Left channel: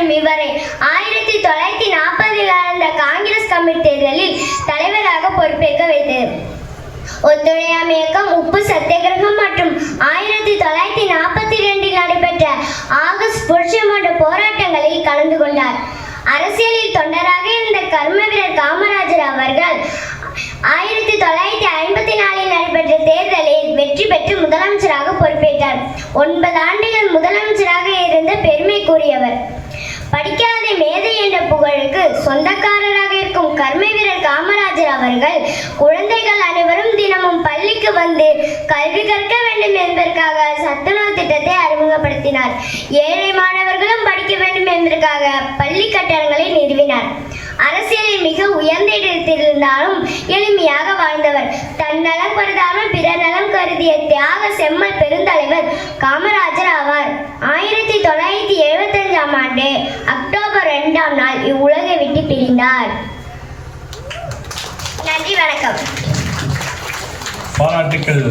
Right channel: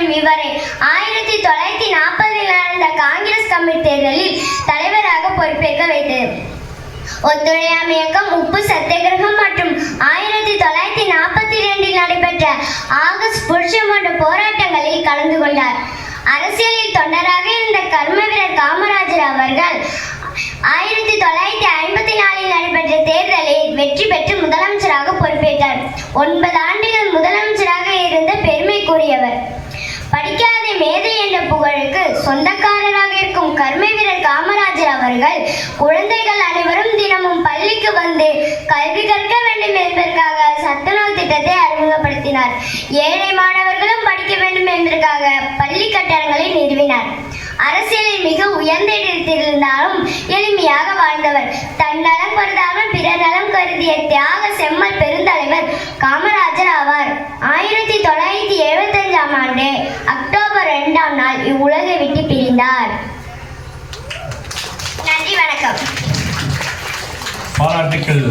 மற்றும் இவரை 1940 நடந்த காங்கிரஸ் கமிட்டி தேர்தலில் தலைவராக பொறுப்பேற்க வைத்தது. ஒத்துழையாமை இயக்கம், உப்பு சத்தியாகிரகம் மற்றும் 1942 நடைபெற்ற ஆகஸ்ட் புரட்சி போன்ற போராட்டங்களில் கலந்து கொண்டார். அரசியலில் தொண்டராக இருந்த கர்ம வீரர் காமராஜர் அவர்கள் 1954 நடைபெற்ற தேர்தலில் வெற்றி பெற்று முதலமைச்சராக பொறுப்பேற்றார். 9 ஆண்டுகள் முதலமைச்சராக இருந்த பெருமைக்குரியவர். படிக்காத மேதை என்ற புகழுக்கு சொந்தக்காரராக இருக்கும் கர்ம வீரர் காமராஜர் அவர்கள் குழந்தைகள் அனைவரும் தினமும் பள்ளிக்கு வந்து கல்வி கற்க வேண்டும் என்பதற்காக சத்துணவு திட்டத்தை அறிமுகப்படுத்தினார். ஏழை மாணவர்களும் படிக்க வேண்டும் என்பதற்காக பள்ளி கட்டடங்களை நிறுவினார். அரசியலில் மிக உயர்ந்த இடத்தில் இருந்தாலும் எளிமையாக வாழ்ந்தவர். தன் நலம் கருதாமல் பிறர் நலம் கருதிய தியாக செம்மல் பெருந்தலைவர் காமராஜர் ஆவார். 1975 ஆண்டு அக்டோபர் 2ஆம் நாள் இவ்வுலகை விட்டு பிரிந்தார். நன்றி, வணக்கம். பாராட்டுக்கள்.